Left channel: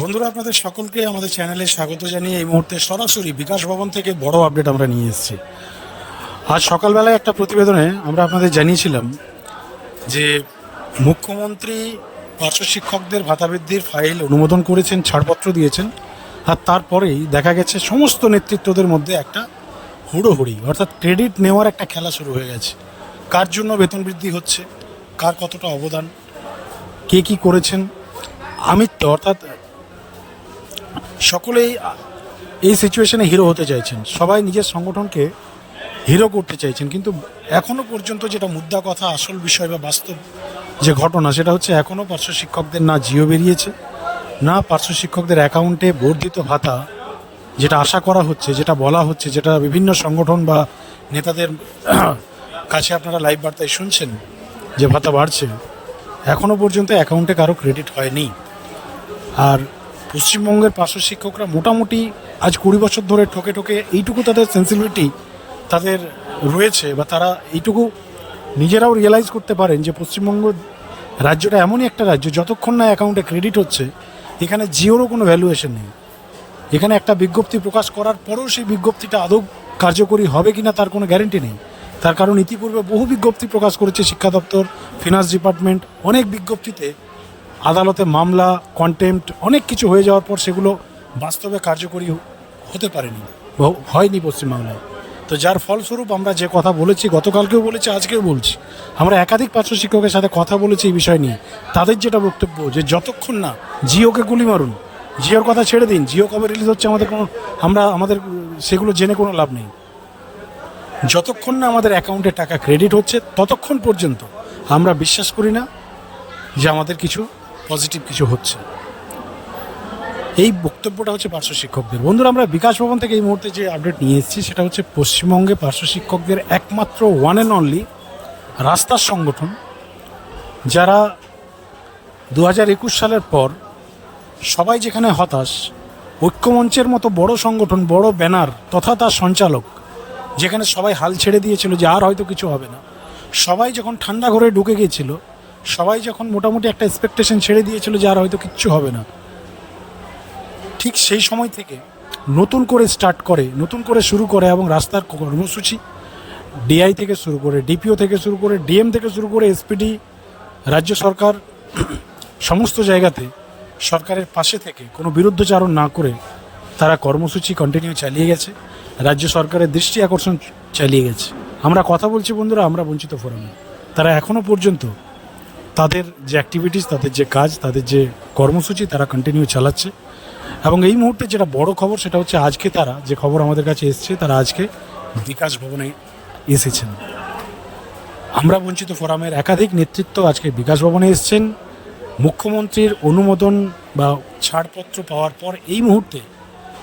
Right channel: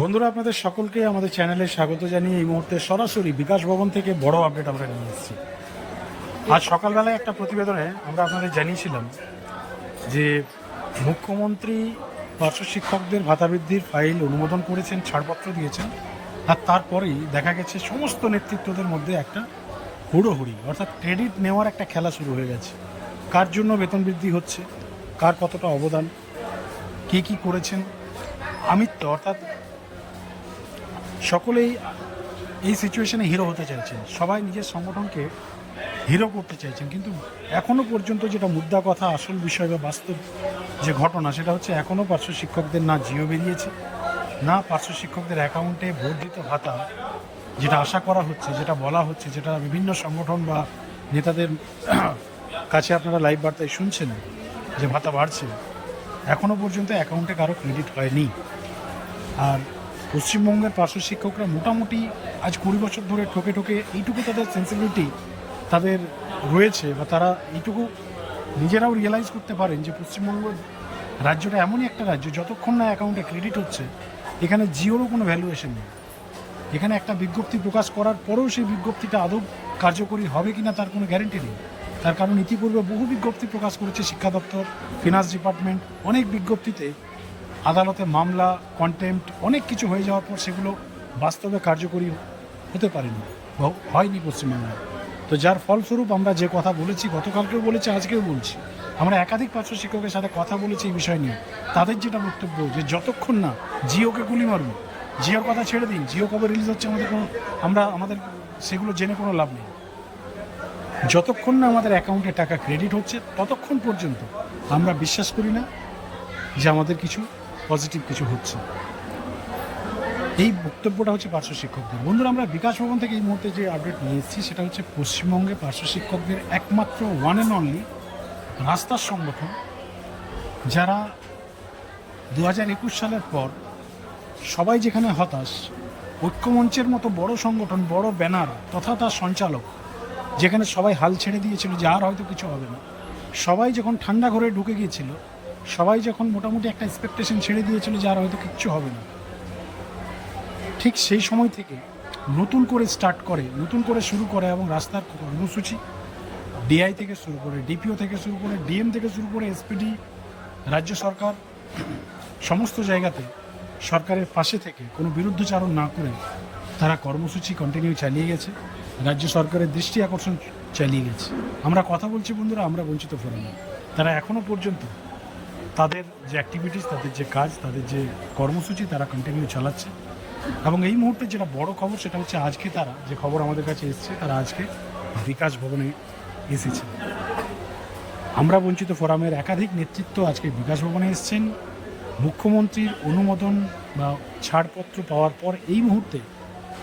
বন্ধুরা, আপনাদের সকলকে আমাদের চ্যানেলে স্বাগত জানিয়ে এই মুহূর্তে সরাসরি বিকাশ ভবন থেকে বড় আপডেট আমরা নিয়ে এসেছি। আজ সকালবেলায় একটা প্রতিবেদনে আমরা আপনাদের জানিয়েছিলাম যে মুখ্যমন্ত্রী, পার্শ্ব শিক্ষকদের ভাতা বৃদ্ধির ফাইল অনুমোদন করেছেন, ছাড়পত্র দিয়েছেন, আর তারপরেই দেখা গেছে সমস্ত নেতৃত্বদের মধ্যে একটা হুড়োহুড়ি, অর্থাৎ ক্রেডিট নেওয়ার একটা খেলা শুরু হয়ে গেছে। কার জন্য বেতন বৃদ্ধি হচ্ছে? কার কতটা অবদান? কে কি করেছেন? আমিত্ব, অর্থাৎ সকলেই এই সিচুয়েশনে হিরো হতে চাইছেন। সবাই নিজের সংগঠনকে হিরো করতে চাইছেন। কিন্তু এখনও পর্যন্ত যেটা মুদ্রা কথা, আসল বিষয় বা বাস্তব যে ঘটনা, সেটা হচ্ছে এখনও পার্শ্ব শিক্ষকদের না জিও বেরিয়েছে, না পার্শ্ব শিক্ষকদের অ্যাকাউন্টে বর্ধিত ভাতা, যেটা আশা করা হচ্ছে, যেটা বলা হচ্ছে, যেটা বিভিন্ন সংগঠন বা নেতাদের কাছে আপনারা লাইভ বার্তায় শুনছেন যে ভাতা বাড়ছে এখনও পর্যন্ত অ্যাকাউন্টে কারও ক্রেডিট হয়নি। আর পশ্চিমবঙ্গের পার্শ্ব শিক্ষকরা মোটামুটি আজ কুড়ি বছর ধরে ঠকে ঠকে এইটুকু তাদের সেন্সিবিলিটি তাদের রয়েছে বা তারা এইটুকু নিজেরাও রিয়েলাইজ করতে পারেন যে পশ্চিমবঙ্গ রাজ্যটা এমনই একটা রাজ্য যতক্ষণ না অ্যাকাউন্টে ক্রেডিট হচ্ছে, এখানে জিওরও কোনো ভ্যালুয়েশন নেই। এখানে একটা বিজ্ঞপ্তি প্রকাশ করার পরেও সেই বিজ্ঞপ্তিটা আদৌ কার্যকরী হবে কিনা তার কোনো গ্যারেন্টি নেই। তার কারণ ইতিপূর্বে বহু বিজ্ঞপ্তি প্রকাশ করেছে শিক্ষা দপ্তর ফিনান্স ডিপার্টমেন্ট অনেক বিজ্ঞপ্তিতে আদালতে মামলা কন্টেম্পট অনেক কিছু হয়ে যাওয়ার পর সেগুলো বাস্তবে কার্যকরী হতে পারেনি হয়নি পশ্চিমবাংলায়। তো যার ফলস্বরূপ আমরা যে কথা বলেছি, গতকালকেও বলেছি, আজকেও বলছি, আমরা একাধিক পার্শ্ব শিক্ষকের সাথে কথা বলেছি এই বিষয় নিয়ে। তাদের যেটা বক্তব্য যে যতক্ষণ না জিওকে গুলি মারুন, জিওর কথা ছেড়ে দিন, জিও কবে রিলিজ হচ্ছে আমাদের কোনো, আমরা আমাদের সেগুলো জেনে কোনো লাভ নেই। যতক্ষণ না আমাদের অ্যাকাউন্টে টাকা ক্রেডিট হচ্ছে, ততক্ষণ পর্যন্ত আমরা বিশ্বাস করি না যে আমাদের কিছু পজিটিভ কিছু হচ্ছে। এই বক্তব্যটা হচ্ছে পার্শ্ব শিক্ষকদের। বন্ধুরা, আমরা বিকাশ ভবন থেকে এই মুহূর্তে যে আপডেট নিয়ে এসেছি, সেটা হচ্ছে পশ্চিমবঙ্গে পার্শ্ব শিক্ষকদের একমাত্র ওয়ান অ্যান্ড অনলি রাস্তার সংগঠন, যারা দু একুশ সালের পর সবাই যেখানে হতাশ, ঐক্যমঞ্চের মতো বড় সংগঠন, বড় ব্যানার তথা তার সঞ্চালক, যেখানে সবাই হাল ছেড়ে দিয়েছিল যে আর হয়তো কিছু হবে না, সবাই যখন ঠান্ডা ঘরে ঢুকে গিয়েছিল সবাই যখন মোটামুটি একটা এক্সপেকটেশন ছেড়ে দিয়েছিল যে আর হয়তো কিচ্ছু হবে না। ঠিক সেই সময় থেকে নতুন করে স্টার্ট করে, নতুন করে শুরু করে এবং রাস্তার কর্মসূচি ডিআই থেকে শুরু করে ডিপিও থেকে শুরু করে ডিএম থেকে শুরু করে এসপিডি রাজ্য সরকার, সমস্ত জায়গাতে সরকারের পাশে থেকে কোনো বিরুদ্ধচারণ না করে তারা কর্মসূচি কন্টিনিউ চালিয়ে গেছে। রাজ্য সরকারের দৃষ্টি আকর্ষণ চালিয়ে গেছে। আমরা কথা বলছি বন্ধুরা, আমরা বঞ্চিত ফোরামে তারা এখনও পর্যন্ত তাদের যে অ্যাক্টিভিটিস তাদের যে কাজ, তাদের যে কর্মসূচি তারা কন্টিনিউ চালাচ্ছে। এবং এই মুহূর্তে যেটা বড় খবর, সেটা হচ্ছে আজকে তারা যে খবর আমাদের কাছে এসছে, তারা আজকে বিকাশ ভবনে এসেছেন। আমরা বঞ্চিত ফোরামের একাধিক নেতৃত্ব আজকে বিকাশ ভবনে এসেছেন। মুখ্যমন্ত্রীর অনুমোদন বা ছাড়পত্র পাওয়ার পর এই মুহূর্তে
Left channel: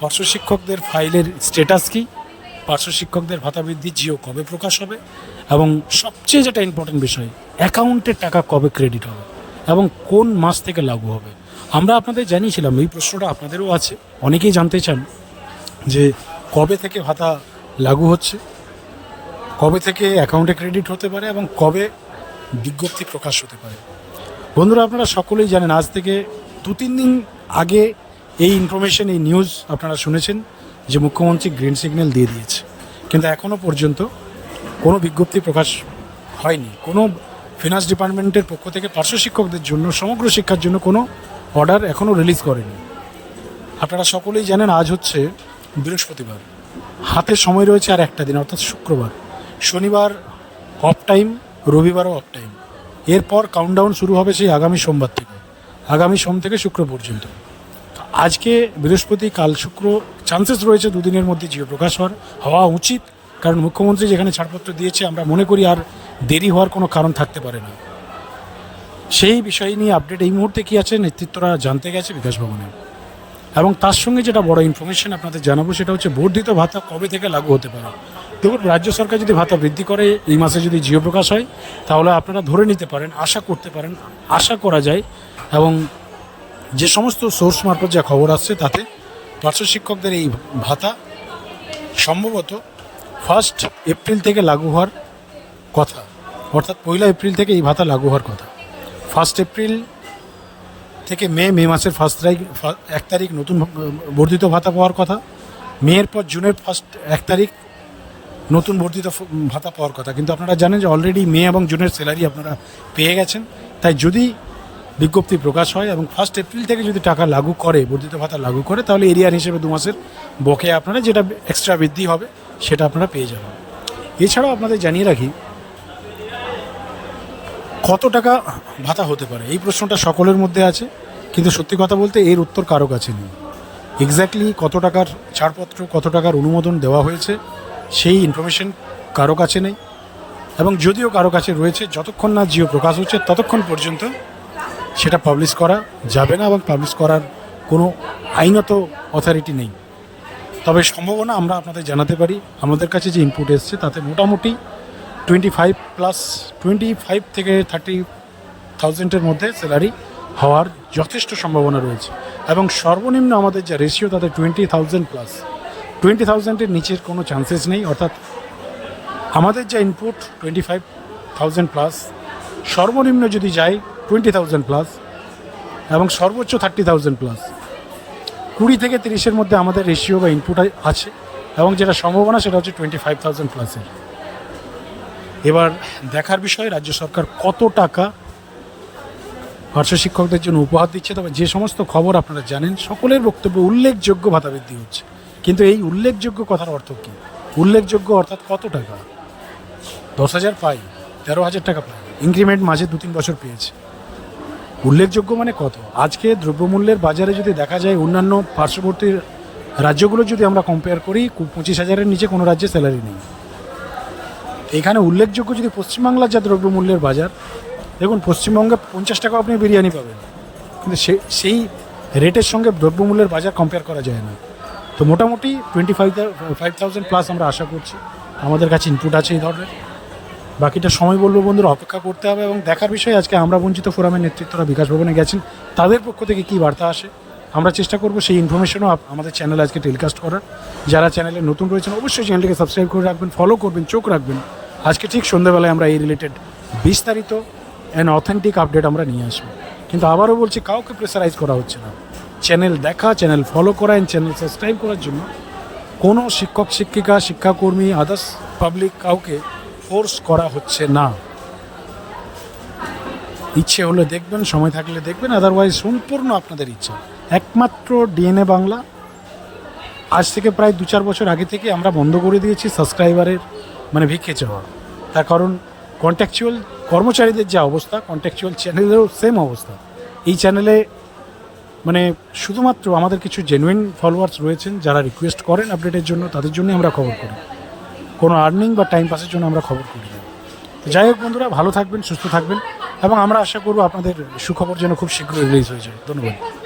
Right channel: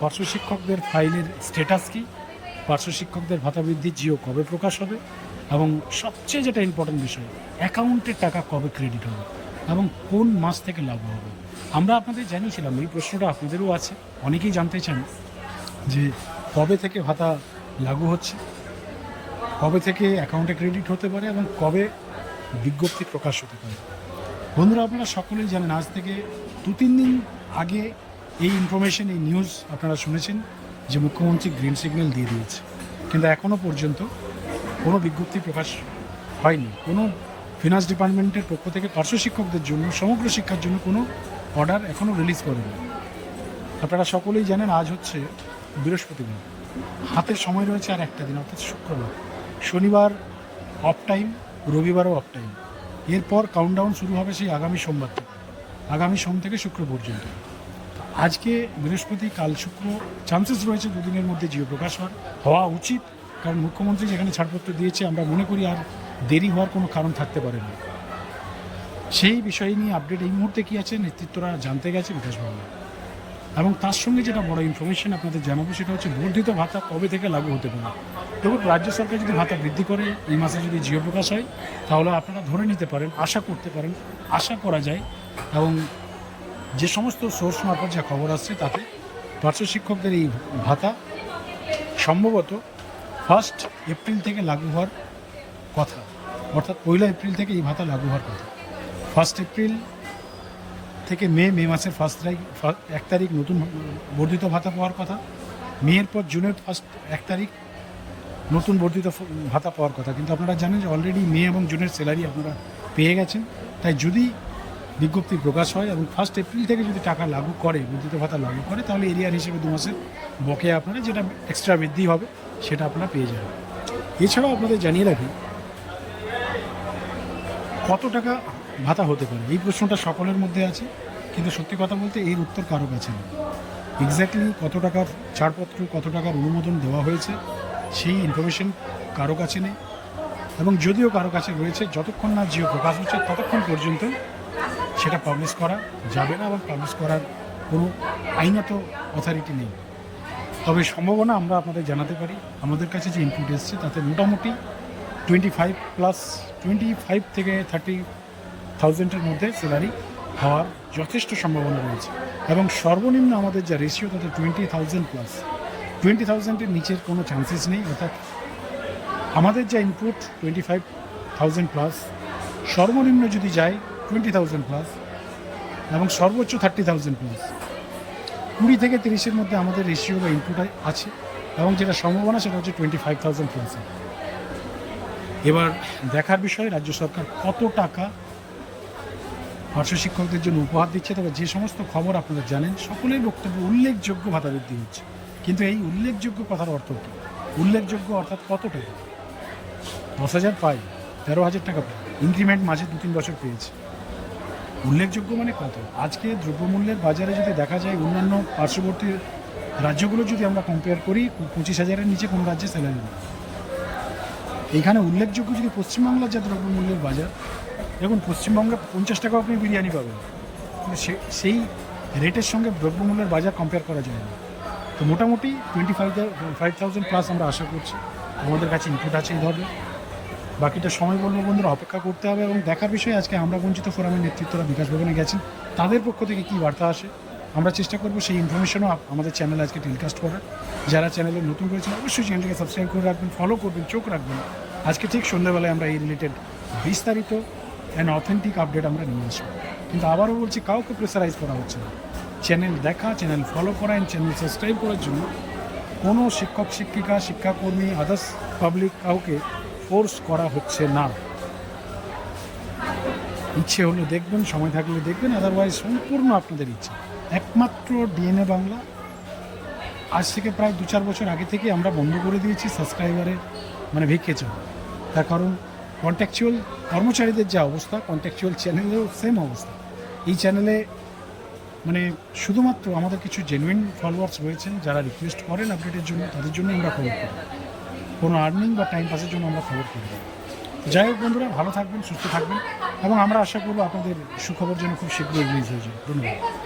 পার্শ্ব শিক্ষকদের ফাইলের স্ট্যাটাস কী? পার্শ্ব শিক্ষকদের ভাতা বৃদ্ধি জিও কবে প্রকাশ হবে? এবং সবচেয়ে যেটা ইম্পর্টেন্ট বিষয় অ্যাকাউন্টের টাকা কবে ক্রেডিট হবে এবং কোন মাস থেকে লাগু হবে? আমরা আপনাদের জানিয়েছিলাম, এই প্রশ্নটা আপনাদেরও আছে, অনেকেই জানতে চান যে কবে থেকে ভাতা লাগু হচ্ছে, কবে থেকে অ্যাকাউন্টে ক্রেডিট হতে পারে এবং কবে বিজ্ঞপ্তি প্রকাশ হতে পারে। বন্ধুরা, আপনারা সকলেই জানেন, আজ থেকে দু তিন দিন আগে এই ইনফরমেশন এই নিউজ আপনারা শুনেছেন যে মুখ্যমন্ত্রী গ্রিন সিগন্যাল দিয়ে দিয়েছে। কিন্তু এখনও পর্যন্ত কোনো বিজ্ঞপ্তি প্রকাশ হয়নি। কোনো ফিনান্স ডিপার্টমেন্টের পক্ষ থেকে পার্শ্ব শিক্ষকদের জন্য, সমগ্র শিক্ষার জন্য কোনো অর্ডার এখনও রিলিজ করেনি। আপনারা সকলেই জানেন আজ হচ্ছে বৃহস্পতিবার। হাতে সময় রয়েছে আর একটা দিন, অর্থাৎ শুক্রবার। শনিবার অফ টাইম রবিবারও অফ টাইম এরপর কাউন্টডাউন শুরু হবে সেই আগামী সোমবার থেকে। আগামী সোম থেকে শুক্র পর্যন্ত। আজকে বৃহস্পতি, কাল শুক্র চান্সেস রয়েছে দুদিনের মধ্যে জিও প্রকাশ হওয়া উচিত। কারণ মুখ্যমন্ত্রী যেখানে ছাড়পত্র দিয়েছে, আমরা মনে করি আর দেরি হওয়ার কোনো কারণ থাকতে পারে না। সেই বিষয় নিয়ে আপডেট এই মুহূর্তে কি আছে নেতৃত্বরা জানতে গেছে বিকাশ ভবনে। এবং তার সঙ্গে যেটা বড় ইনফরমেশন আপনাদের জানাব সেটা হচ্ছে বর্ধিত ভাতা কবে থেকে লাগু হতে পারে? দেখুন, রাজ্য সরকার যদি ভাতা বৃদ্ধি করে, এই মাসে যদি জিও প্রকাশ হয়, তাহলে আপনারা ধরে নিতে পারেন, আশা করতে পারেন, আশা করা যায়। এবং যে সমস্ত সোর্স মারফত যা খবর আসছে, তাতে পার্শ্ব শিক্ষকদের এই ভাতা সম্ভবত ফার্স্ট এপ্রিল থেকে লাগু হওয়ার কথা। অর্থাৎ পয়লা এপ্রিল থেকে এই ভাতা লাগু হওয়ার কথা। ফার্স্ট এপ্রিল থেকে মে মে মাসের ফার্স্ট তারিখ এক তারিখ নতুন বর্ধিত ভাতা পাওয়ার কথা। মেয়ের পর জুনের ফার্স্ট এক তারিখ নতুন বর্ধিত ভাতা পাওয়ার কথা। কিন্তু আপনারা জানেন যে অলরেডি মে এবং জুনের স্যালারি আপনারা পেয়ে গেছেন। তাই যদি বিজ্ঞপ্তি প্রকাশ হয় এবং ফার্স্ট এপ্রিল থেকে যদি টাকা লাগু করে, বর্ধিত ভাতা লাগু করে, তাহলে এরিয়ার হিসেবে দু মাসের বকেয়া আপনারা যেটা এক্সট্রা বৃদ্ধি হবে, সেটা আপনারা পেয়ে যাবেন। এছাড়াও আপনাদের জানিয়ে রাখি কত টাকা ভাতা হতে পারে? এই প্রশ্নটা সকলের মধ্যে আছে, কিন্তু সত্যি কথা বলতে এর উত্তর কারও কাছে নেই। এক্স্যাক্টলি কত টাকার ছাড়পত্র, কত টাকার অনুমোদন দেওয়া হয়েছে, সেই ইনফরমেশন কারও কাছে নেই। এবং যদিও কারও কাছে রয়েছে, যতক্ষণ না জিও প্রকাশ হচ্ছে, ততক্ষণ পর্যন্ত সেটা পাবলিশ করা যাবে না এবং পাবলিশ করার কোনো আইনত অথরিটি নেই। তবে সম্ভাবনা আমরা আপনাদের জানাতে পারি। আমাদের কাছে যে ইনপুট এসছে, তাতে মোটামুটি twenty five plus twenty five থেকে থার্টি থাউজেন্ডের মধ্যে স্যালারি হওয়ার যথেষ্ট সম্ভাবনা রয়েছে। এবং সর্বনিম্ন আমাদের যা রেশিও তাতে টোয়েন্টি থাউজেন্ড প্লাস টোয়েন্টি থাউজেন্ডের নিচের কোনো চান্সেস নেই, অর্থাৎ আমাদের যা input twenty five thousand plus সর্বনিম্ন যদি যায় টোয়েন্টি থাউজেন্ড প্লাস এবং সর্বোচ্চ থার্টি থাউজেন্ড প্লাস কুড়ি থেকে তিরিশের মধ্যে আমাদের রেশিও বা ইনপুট আছে এবং যেটা সম্ভাবনা সেটা হচ্ছে টোয়েন্টি ফাইভ থাউজেন্ড প্লাসের এবার দেখার বিষয় রাজ্য সরকার কত টাকা পার্শ্ব শিক্ষকদের জন্য উপহার দিচ্ছে? তবে যে সমস্ত খবর আপনারা জানেন, সকলের বক্তব্য উল্লেখযোগ্য ভাতা বৃদ্ধি হচ্ছে। কিন্তু এই উল্লেখযোগ্য কথার অর্থ কী? উল্লেখযোগ্য অর্থাৎ কত টাকা? দশ হাজার পাই, তেরো হাজার টাকা পাই। ইনক্রিমেন্ট মাঝে দু তিন বছর পেয়েছে। উল্লেখযোগ্য মানে কত? আজকে দ্রব্যমূল্যের বাজারে যদি দেখা যায় অন্যান্য পার্শ্ববর্তী রাজ্যগুলো যদি আমরা কম্পেয়ার করি, পঁচিশ হাজারের নিচে কোনো রাজ্যে স্যালারি নেই। এখানে উল্লেখযোগ্য যদি পশ্চিমবাংলার যা দ্রব্যমূল্যের বাজার, দেখুন পশ্চিমবঙ্গে পঞ্চাশ টাকা আপনি বিরিয়ানি পাবেন। কিন্তু সে, সেই রেটের সঙ্গে দ্রব্যমূল্যের বাজার কম্পেয়ার করা যায় না। তো মোটামুটি twenty five five thousand plus আমরা আশা করছি। আমাদের কাছে ইনপুট আছে এই ধরনের। বাকিটা সময় বলব বন্ধুরা, অপেক্ষা করতে হবে এবং দেখার বিষয় আজকে আমরা বঞ্চিত ফোরামের নেতৃত্বরা বিকাশ ভবনে গেছেন। তাদের পক্ষ থেকে কী বার্তা আসে, আমরা চেষ্টা করব সেই ইনফরমেশনও আমাদের চ্যানেলে আজকে টেলিকাস্ট করার। যারা চ্যানেলে নতুন রয়েছেন, অবশ্যই চ্যানেলটিকে সাবস্ক্রাইব করে রাখবেন ফলো করবেন, চোখ রাখবেন। আজকে ঠিক সন্ধ্যেবেলায় আমরা এই রিলেটেড বিস্তারিত অ্যান্ড অথেন্টিক আপডেট আমরা নিয়ে আসব। কিন্তু আবারও বলছি, কাউকে প্রেসারাইজ করা হচ্ছে না। চ্যানেল দেখা চ্যানেল ফলো করা অ্যান্ড চ্যানেল সাবস্ক্রাইব করার জন্য কোনো শিক্ষক, শিক্ষিকা, শিক্ষাকর্মী আদার্স পাবলিক কাউকে ফোর্স করা হচ্ছে না। ইচ্ছে হলে দেখবেন, সময় থাকলে দেখবেন আদারওয়াইজ সম্পূর্ণ আপনাদের ইচ্ছা। একমাত্র ডিএনএ বাংলা। আজ থেকে প্রায় দু চার বছর আগে থেকে আমরা বন্ধ করে দিয়েছি সাবস্ক্রাইবারের মানে ভিক্ষে চাওয়া। তার কারণ কন্ট্যাকচুয়াল কর্মচারীদের যা অবস্থা কন্ট্যাকচুয়াল চ্যানেলেরও সেম অবস্থা। এই চ্যানেলে মানে শুধুমাত্র আমাদের কিছু জেনুইন ফলোয়ার্স রয়েছেন যারা রিকোয়েস্ট করেন আপডেটের জন্য, তাদের জন্যই আমরা খবর করি। কোনো আর্নিং বা টাইম পাসের জন্য আমরা খবর করি না। যাই হোক বন্ধুরা, ভালো থাকবেন, সুস্থ থাকবেন এবং আমরা আশা করব আপনাদের সুখবর যেন খুব শীঘ্রই রিলিজ হয়ে যাবে। ধন্যবাদ।